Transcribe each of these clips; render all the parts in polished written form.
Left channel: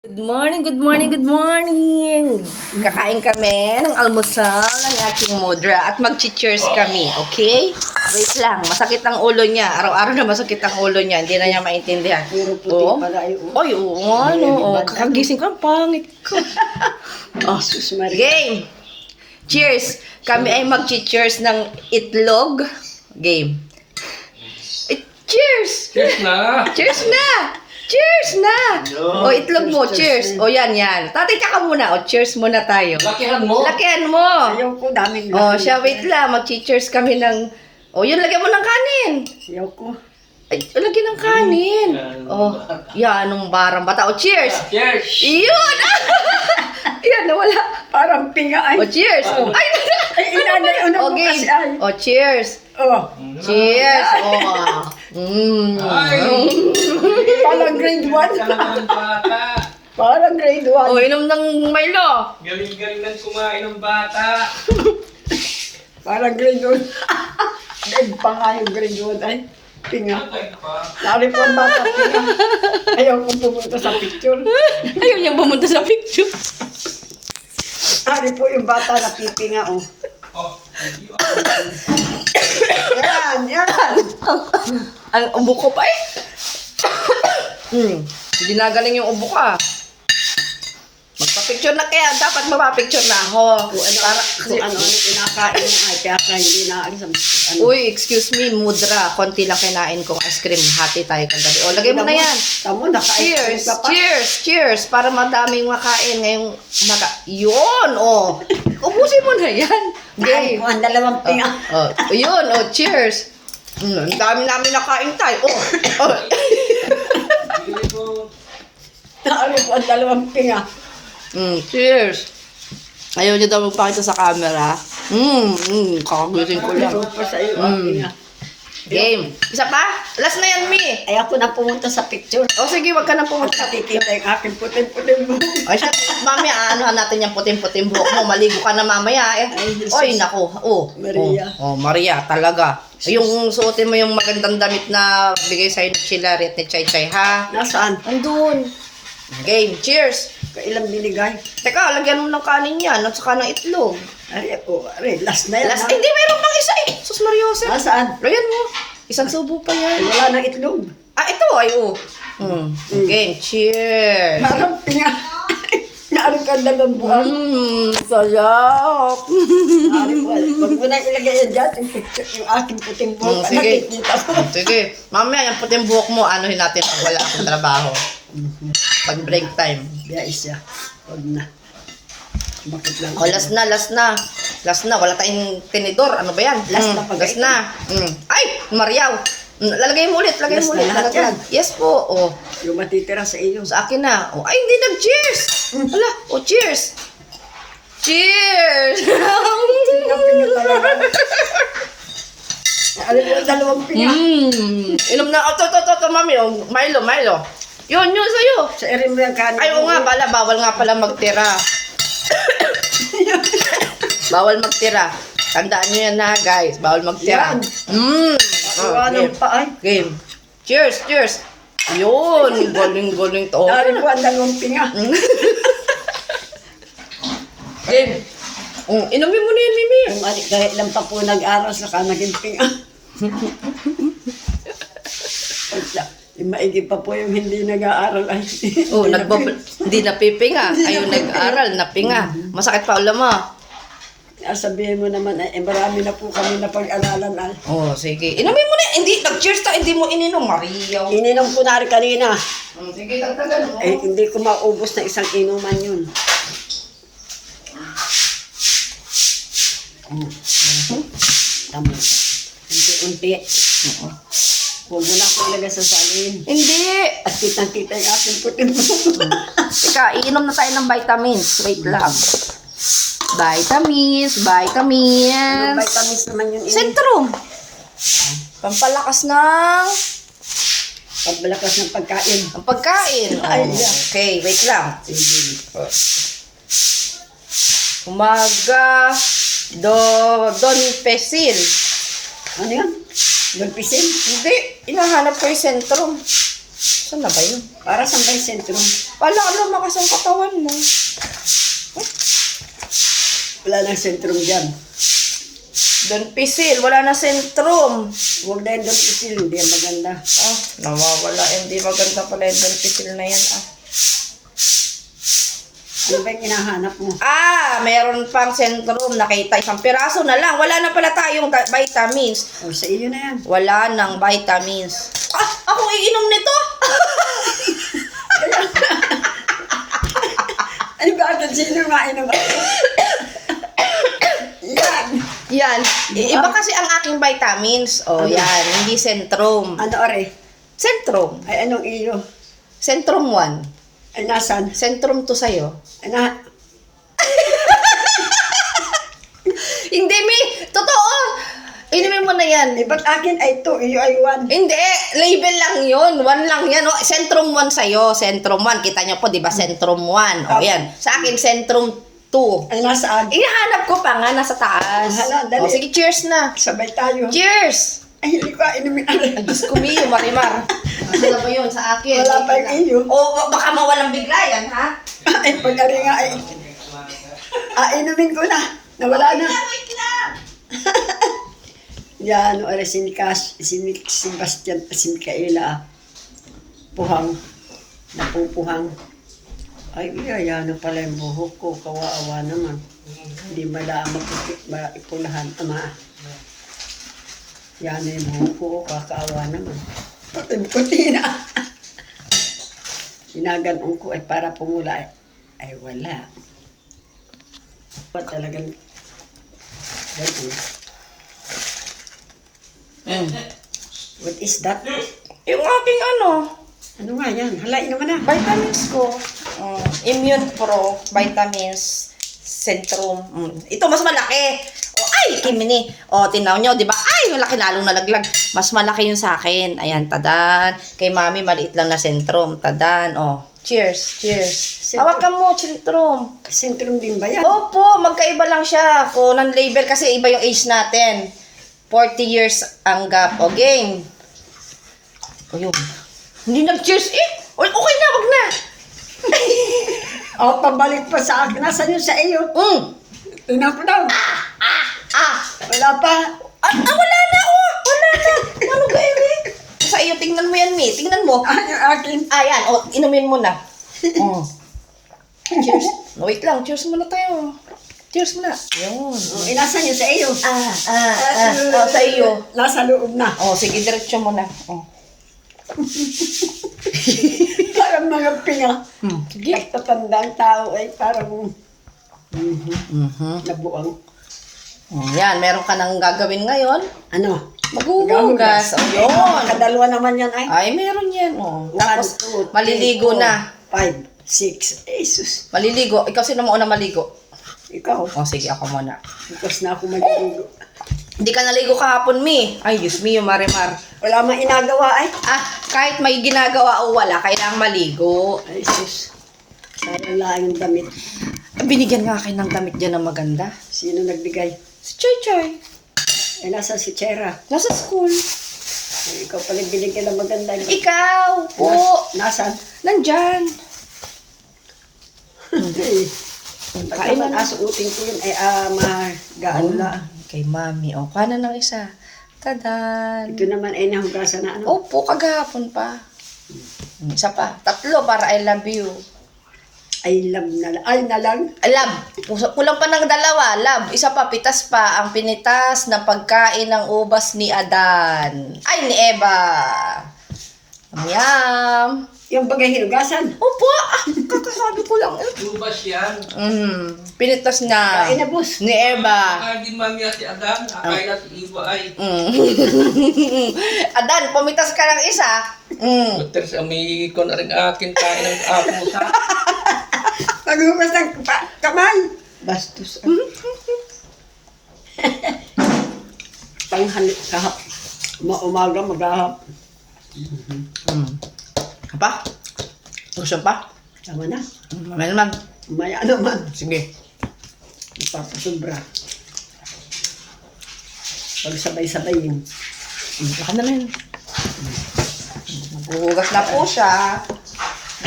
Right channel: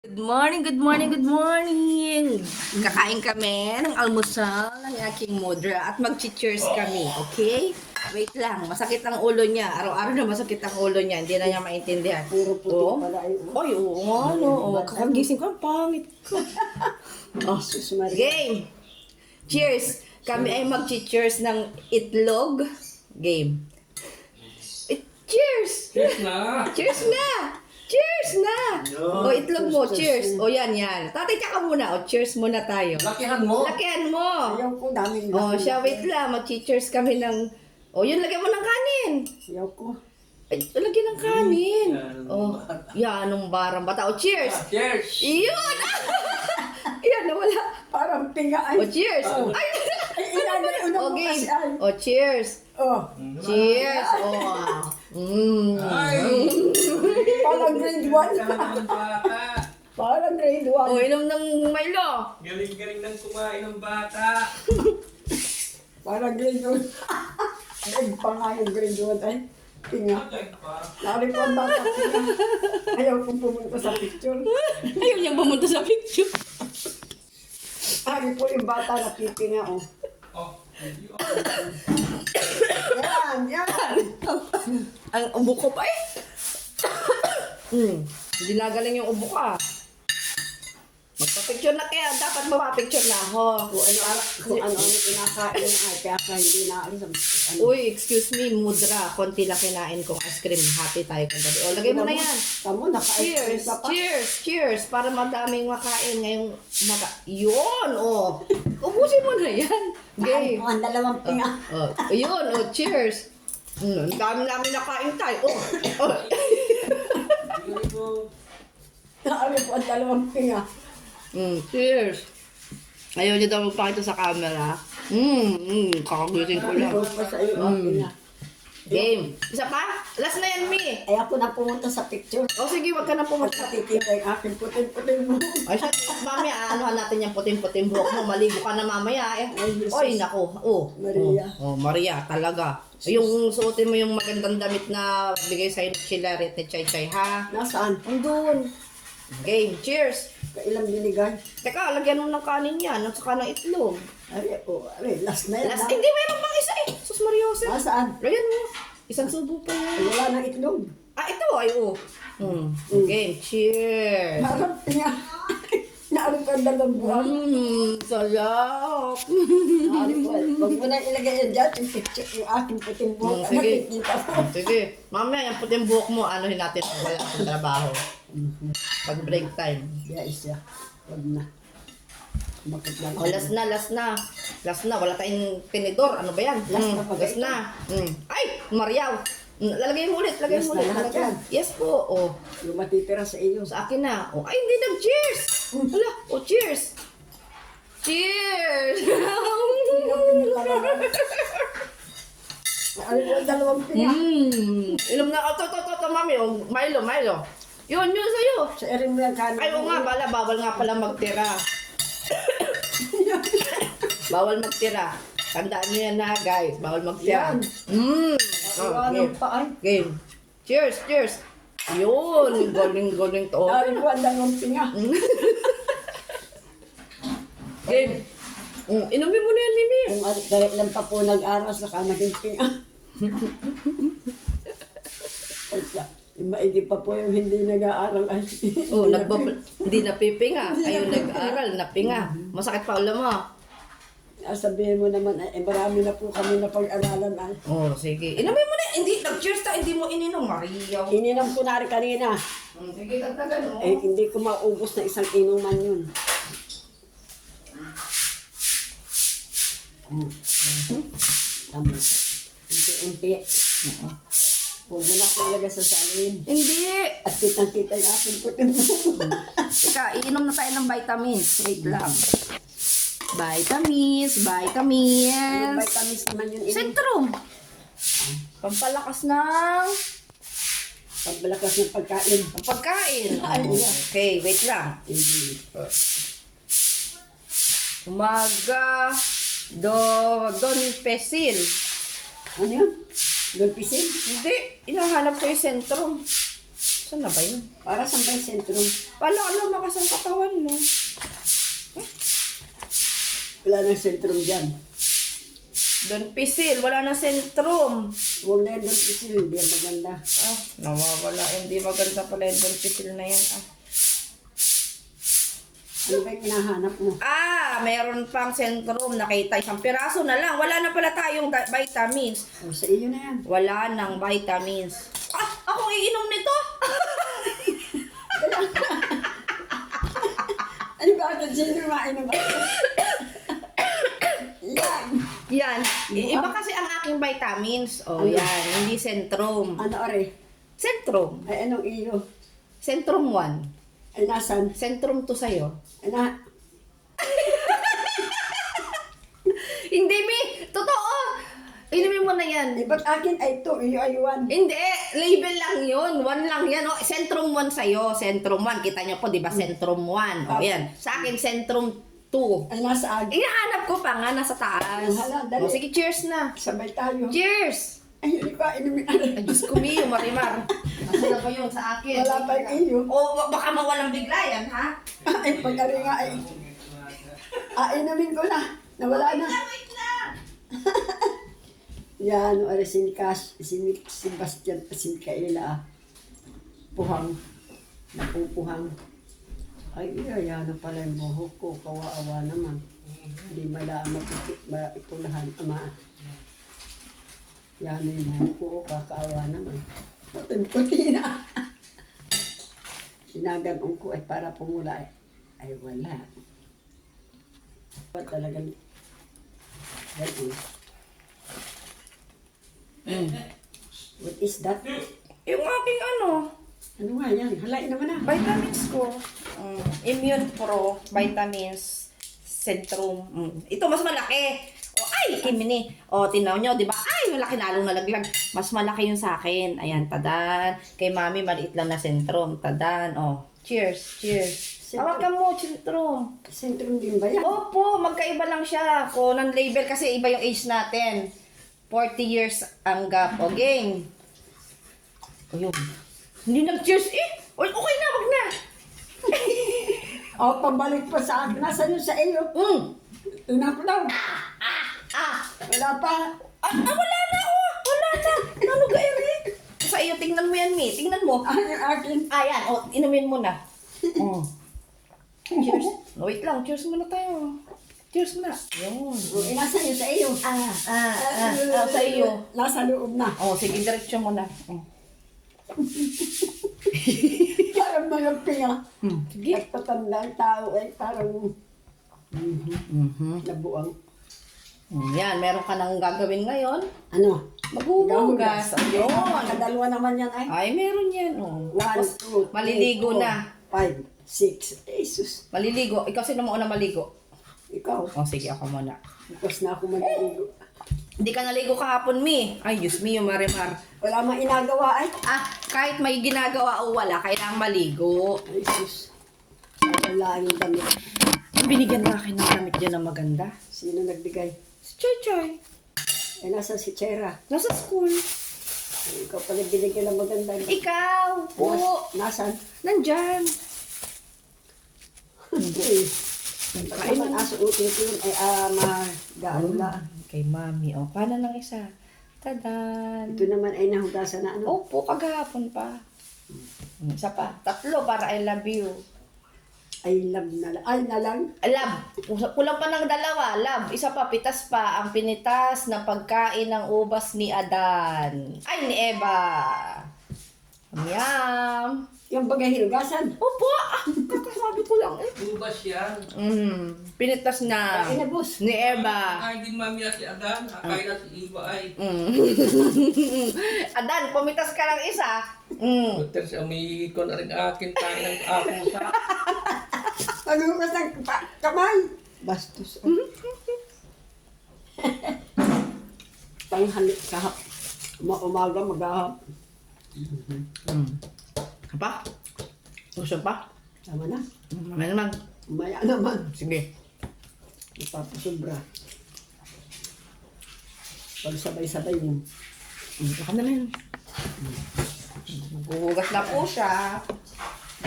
Good morning, good morning, good morning! Kakain kami ng almusal ng aking mudra at mag-cheers kami, okay? Wait lang, masakit ang ulo niya. Araw-araw na masakit ang ulo niya. Hindi na niya maintindihan. Puro puti Oo. pala yun. Ay, oo nga, no. Oh, kakagising ko, ang pangit ko. Oh, Sus Maria. game! Cheers! Kami ay mag-cheers ng itlog. Game. Cheers! Cheers na! Cheers na! Cheers na! O, itlog mo, cheers. O, yan. Tatay, ka muna. O, cheers muna tayo. Lakihan mo! Lakihan mo! Ayaw ko, daming O, siya, wait lang. Mag-cheers kami ng... O, yun, lagyan mo ng kanin. Ayaw ko. Ay, lagyan ng kanin. O, yan, anong barang bata. O, cheers! Cheers! Yun! Yan, nawala. Parang pinga ay. O, cheers! Ay, Ay, inanay, ano mo okay. kasi ay. O, cheers! Oh, Cheers! O, Ay! parang grade 1. Ang bata! Parang grade 1. O, inom ng Milo. Galing-galing ng kumain ng bata! Parang grade 1. Grade pa nga yung grade 1 ay. Pinga. Ay, pa. Lari po ang bata, pinga. Ayaw ko pumunta sa picture. Ayaw niya pumunta sa picture. Lari po yung bata na pipinga, oh. Oh, Yan. Ang ubo ko pa eh. Hindi na galing yung ubo ka. Magpa-picture na kaya. Dapat mapapicture na ako. Kung ano-ano kinakain mo ay, kaya ka hindi naalis ang ano. Uy, excuse me, mudra. Konti lang kinain kong ice cream. Hati tayo kagabi. O, lagay mo na yan. Tamo, naka-ice Cheers! ka pa. Cheers! Cheers! Para madaming makain ngayong Yun! O! Ubusin mo na yan. Ay, Game. ang dalawang pinga. Yun! O, cheers! Ang dami namin nakain tayo. Oh. Lari po ang dalawang pinga. Cheers! Ayaw niyo daw magpakita sa camera. Kakagusin ko lang. Meron pa sa iyo ang pinga. Game. Isa pa? Last na yan, Mi. Ay, ako na pumunta sa picture. O sige, wag ka na At pumunta. nakikita yung aking puting-puting buhok. Ay, siya, mami, anuhan natin yung puting-puting buhok mo. Maligo ka na mamaya eh. Ay, Jesus. Oy, naku. Oh, Maria. Oh, Maria, talaga. Yung suotin mo yung magandang damit na bigay sa'yo ni Chilari at ni Chay Chay, ha? Nasaan? Andun. Game. Cheers. Kailang binigay. Teka, lagyan mo ng kanin yan at saka ng itlog. Ay, last na yan. Last, ha? hindi, meron pang isa eh. Sus Mariose. Nasaan? Lagyan mo. Isang subo pa Ay, yan. wala nang itlog. Ah, ito ay oh. Game. Cheers. Parang pinga. Naaring ka dalawang buwan. Sarap. Naaring ko. Huwag mo nang ilagay yan dyan. Yung picture, yung aking puting buhok. Sige. Nakikita ko. Sige. Mamaya yung puting buhok mo, anuhin natin pag wala akong trabaho. Pag break time. Biya isa. Huwag na. Bakit lang? Oh, last na, last na. Last na, wala tayong tinidor. Ano ba yan? Last na pag- Last na. Ay, Mariaw. Lalagay mo ulit, lagay Last mo na ulit. lahat Lalagyan. yan. Yes po. Oh, Yung matitira sa iyo. sa akin na. Oh, ay, hindi nag-cheers. Hala, oh, cheers. Cheers. Yung pinga talaga. Naaring ko dalawang pinga. Inom na. Oh, to, mami. Oh, Milo. Yun, sa'yo. Sa erin mo yung kanin. Ay, oo nga pala, bawal nga pala magtira. Bawal magtira. Tandaan nyo yan na, guys. Bawal magtira. Yan. Oh, Anong game. pa ay? Game. Cheers. Yun. Galing to. Naaring ko ang dalawang pinga. Game. Inumin mo na yan, Mimi. Ang anik dahil lang pa po nag-aral sa naging pinga. Yung maigi pa po yung hindi nag-aaral ay. Oh, hindi napipinga. Ayun, nag-aral, napinga. Masakit pa ulo mo. Sabihin mo naman ay marami na po kami na pag-aralan ay. Oh, sige. Inumin mo na. Hindi, nag-cheers ta. Hindi mo ininom, Maria. Ininom ko na rin kanina. Sige, tagtagan mo. Eh, hindi ko maubos na isang inuman yun. Tama. Unti-unti. Huwag mo na ako ilagay sa salin. Hindi. At kitang-kita yung aking puting buhok. Teka, iinom na tayo ng vitamins. Wait lang. Vitamins. Anong vitamins naman yung Centrum. Pampalakas ng pagbalakas ng pagkain? ang pagkain. Ay, Oh, yeah. okay, wait lang. Sige. Umaga, Don Pesil. Ano yan? Dolpisin? Hindi, hinahanap ko yung Centrum. Saan na ba yun? Para sa may sentrum. Wala, lumakas ang katawan mo. Wala nang sentrum dyan. Don Pisil, wala na sentrum. Huwag na yung Don Pisil, hindi yan maganda. Ah, nawawala. Hindi maganda pala yung Don Pisil na yan. Ah. Ano ba yung hinahanap mo? Ah, meron pang sentrum. Nakita isang piraso na lang. Wala na pala tayong vitamins. O, sa iyo na yan. Wala nang vitamins. Ah, ako iinom nito? Ay, bakit sino mainom ba? Yan. Yan. Iba kasi ang aking vitamins. Oh, Ano? yan. Hindi sentrum. Ano, ore? Sentrum. Ay, anong iyo? Sentrum 1. Ay, nasan? Sentrum 2 sa'yo. Ay, na... Hindi, Mi. Totoo. Inumin mo na yan. Eh, ba't akin ay 2, iyo ay 1? Hindi. Label lang yun. 1 lang yan. Oh, Sentrum 1 sa'yo. Sentrum 1. Kita niyo po, di ba? Sentrum 1. O, yan. Sa akin, Sentrum 2. Ay, nasaan? Ihanap ko pa nga. Nasa taas. Hala, dali. O, sige, cheers na. Sabay tayo. Cheers! Ay, hindi ko inumin. Ay, Diyos ko, Mio, Marimar. Nasa na ba yun sa akin? Wala pa yung iyo. O, baka mawalang bigla yan, ha? Ay, pagkari nga ay... inumin ko na. Nawala na. Wait lang! Yan, ore, si Sebastian, si Micaela. Puhang. Napupuhang. Ay, yan pala yung buhok ko. Kawawa naman. Hindi mala maipulahan. Ama. Yan yung buhok ko. Kakaawa naman. Puti na. Ginaganong ko ay para pumula. Ay, wala. Talagang... What is that? Yung aking ano, Ano nga yan? Halain naman na. vitamins ko. Immune Pro, vitamins, Centrum. Ito mas malaki. O, ay, Kimini. O, tinaw nyo, di ba? Ay, malaki lalong nalaglag. Mas malaki yung sa akin. Ayan, tadan. Kay Mami, maliit lang na Centrum. Tadan. O, cheers, cheers. Hawakan mo, Centrum. Sentrum din ba yan? Opo, magkaiba lang siya. Kung non-label kasi iba yung age natin. 40 years ang gap. O, game. O, yun. Hindi nag-cheers eh. Okay na, wag na. Pabalik pa sa akin. Nasaan yun sa iyo? Tingnan ko daw. Wala pa. Wala na, oh. Wala na. Ano ka, Eri? Sa iyo, tingnan mo yan, Mi. Tingnan mo. Yung akin. Yan. O, inumin mo na. Cheers. No, wait lang. Cheers muna tayo. Cheers muna. Yun. Inasan yun sa iyo? Sa iyo. Nasa loob na. O, sige, diretso mo na. O. Parang mga pinga. Sige. Pagtatandang tao ay parang nabuang. Yan, meron ka nang gagawin ngayon. Ano? Maghuhugas. O, yun. Kadalawa naman yan ay. Ay, meron yan. O. 1, Tapos, 2, 3, maliligo 4, na. 5, 6. Jesus. Maliligo. Ikaw sino mo una maligo? Ikaw. O, sige, ako muna. Bukas na ako maliligo. Hindi ka naligo kahapon, Mi. Ay, Diyos me, yung Marimar. Wala mang inagawa ay. Kahit may ginagawa o wala, kailangang maligo. Ay, sus. Sayang lang yung damit. Binigyan na akin ng damit dyan na maganda. Sino nagbigay? Si Choy Choy. Ay, nasa si Chera. Nasa school. Ay, ikaw pala binigyan ng maganda. Ikaw po. Nasaan? Nandyan. Pag Kain naman na. asuutin ko yun, ay magaan lang. Kay Mami. O, kanan ng isa. Tadan. Ito naman ay nahugasan na ano. Opo, kagahapon pa. Isa pa. 3 para I love you. Ay, love na lang. Ay, na lang. Love. Kulang pa ng 2. Love. Isa pa, pitas pa. Ang pinitas na pagkain ng ubas ni Adan. Ay, ni Eva. Yum. Yung bagay hinugasan. Opo. Kakasabi ko lang. Lubas yan. Pinitas na Ay, nabos. ni Eva. Akain din mami at si Adan. Akain at si Iwa ay. Adan, pumitas ka ng isa. Butter sa may ko na rin akin kain ng apo sa. Paghugas ng kamay. Bastos. Panghalik kahap. Umaga, maghahap. Apa? Gusto pa? Tama na. Mamaya naman. Umaya naman. Sige. Ipapasobra. Pag sabay-sabayin. Baka na rin. Maghuhugas na po siya.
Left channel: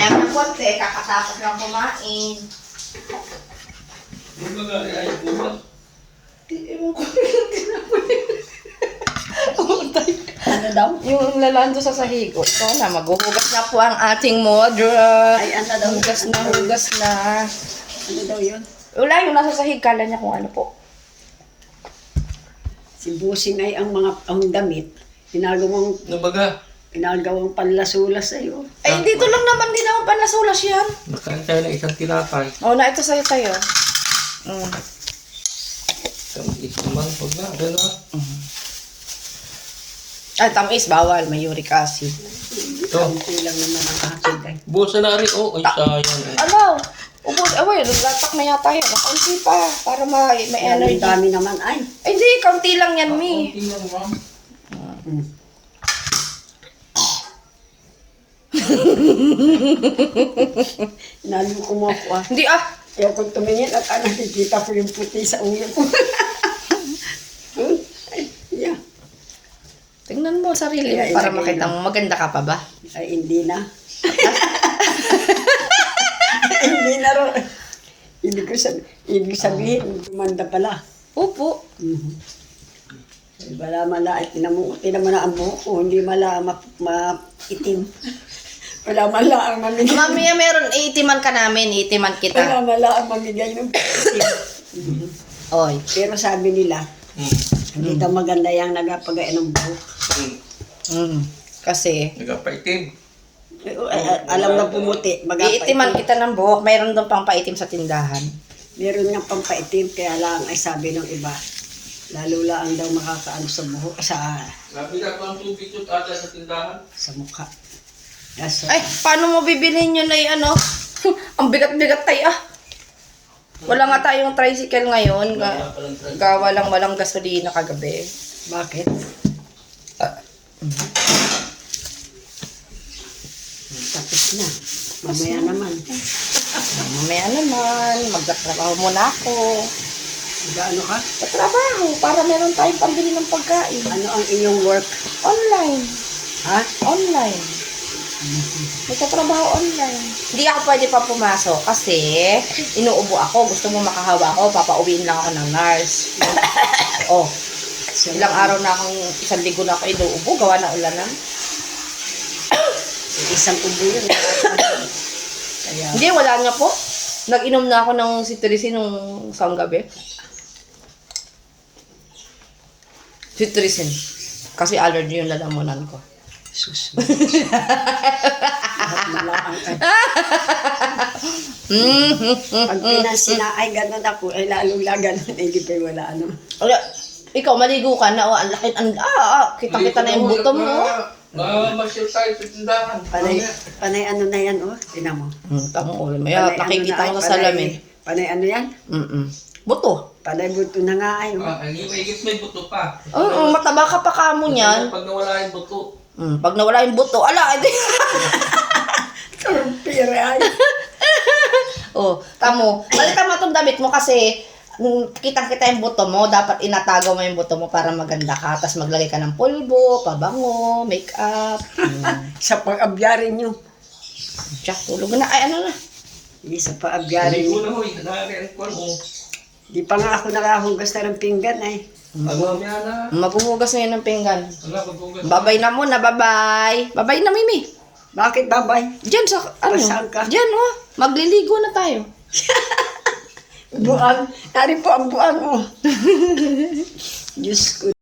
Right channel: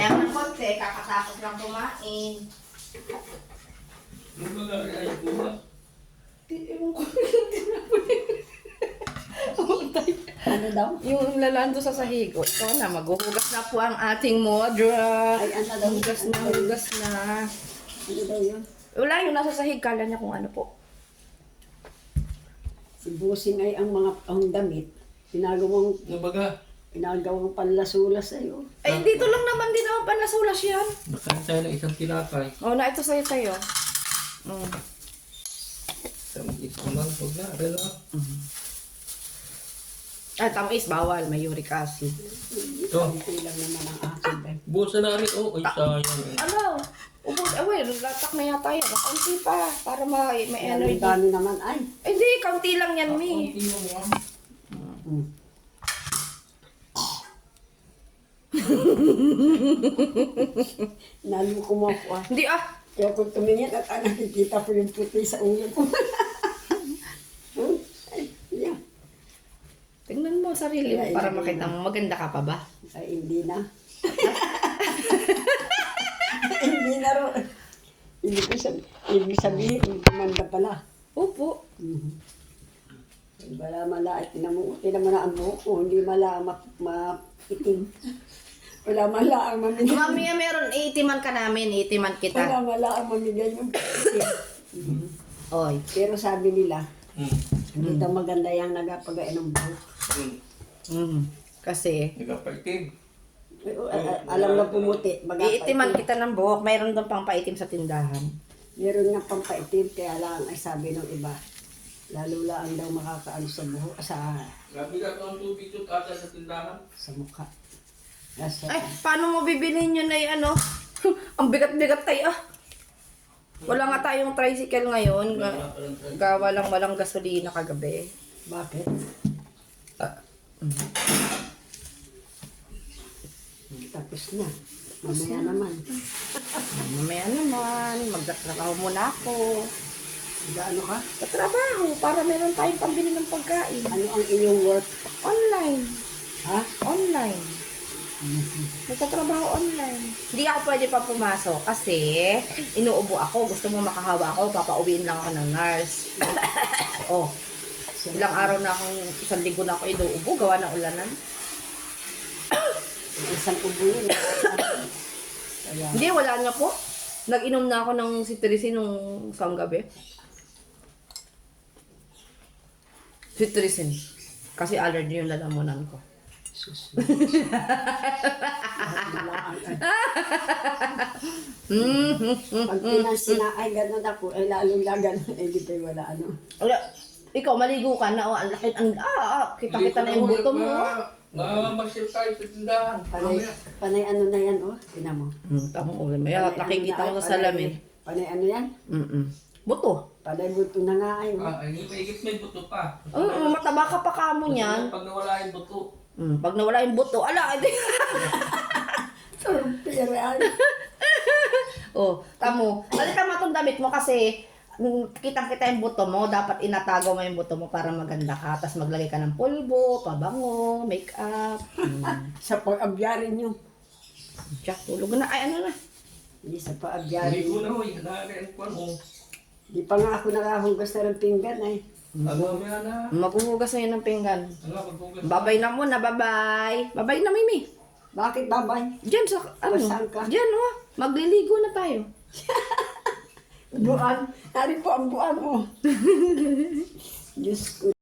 Mamaya ng konti, kakatapos lang kumain. Kumbaga, ay, kumbaga. Ano daw? Yung lalando sa sahigo. Ito na, maghuhugas na po ang ating modra. Ay, ano daw? Hugas na, hugas na. Ano daw yun? Wala yung nasa sahig, kala niya kung ano po. Si Busing ay ang damit. Kumbaga, Ginagawang panlasulas sa'yo. Ay, dito lang naman din ako panasulas yan. nakain tayo ng isang tinapay. Oo na, ito sa'yo tayo. Tamis naman, huwag na. Gano'n. Ay, tamis, bawal. May uric acid. Ito. Kunti lang naman ang akin ay. Busa na rin. Oh, ay, sayang. Ano? Ubus, away, latak na yata yun. Kaunti pa, para may Ang energy. dami naman ay. Ay, hindi, kaunti lang yan, Mi. Kunti lang, ma'am. Nalo mo ako ah. Hindi, ah. Kaya kung tumingin at nakikita ko yung puti sa ulo ko. Ay, yeah. Tingnan mo sarili mo Ay, para ilagay makita mo. Maganda ka pa ba? Ay, hindi na. Hindi na ro. Ibig sabihin, gumanda pala. Opo. Wala mala, tinan mo na ang buhok ko, hindi mala maitim. Wala mala ang mamigay. Mamaya meron, iitiman ka namin, iitiman Wala kita. mala ang mamigay ng itim. Oy. Pero sabi nila, hindi daw maganda yung nagapagain ng buhok. Kasi, Nagapaitim. Alam na pumuti, iitiman kita ng buhok, mayroon doon pang paitim sa tindahan. Meron nga pampaitim, kaya lang ay sabi ng iba, lalo lang daw makakaano sa buhok, Nabila ko ang tubig ko ata sa tindahan. sa mukha. Yes, Ay, paano mo bibilhin yun ay ano? Ang bigat-bigat tayo ah. Wala nga tayong tricycle ngayon. Gawa lang walang gasolina kagabi. bakit? Tapos na. Mamaya naman. Mamaya naman, magtatrabaho muna ako. Gaano ka? Sa trabaho, para meron tayong pambili ng pagkain. Ano ang inyong work? Online. Ha? Online. Nagtatrabaho online. Hindi ako pwede pa pumasok kasi inuubo ako. Gusto mo makahawa ako, papauwiin lang ako ng nurse. Oh, ilang araw na akong, isang linggo na ako inuubo, gawa na ulanan. Isang ubo yun. Kaya, Hindi, wala nga po. Nag-inom na ako ng citricin nung isang gabi. Citricin. Kasi allergy yung lalamunan ko. sus. Lahat malaang ay. Pag pinasina ay gano'n ako, ay lalo lang gano'n, ay di pa wala ano. Wala, ikaw maligo ka na, oh, ang laki, kita-kita na yung buto mo, oh. Masyal tayo sa tindahan. Panay ano na yan, oh. Tinan mo. Tamo, maya, nakikita ko sa salamin. Panay ano yan? Buto. Panay buto na nga ay, oh. Ang higit may buto pa. Oo, mataba ka pa kamo niyan. Pag nawala yung buto. Pag nawala yung buto, ala, edi. Turpire ay. Oh, tamo. Balikan mo itong damit mo kasi kitang-kita yung buto mo. Dapat inatago mo yung buto mo para maganda ka. Tapos maglagay ka ng pulbo, pabango, makeup. Sa pag-abyarin nyo. Tiyak, tulog na. Ay, ano na. Hindi sa pag-abyarin Hindi ko nyo. na hoy. Nakakain ko mo. Di pa nga ako nakahugas na ng pinggan ay. Ano yan na? Maghuhugas na yun ng pinggan. Wala, maghugas. Babay na muna, babay. Babay na, Mimi. Bakit babay? Diyan sa, ano? Saan ka? Diyan, oh. Magliligo na tayo. Buang. Nari po ang buang mo. Diyos ko.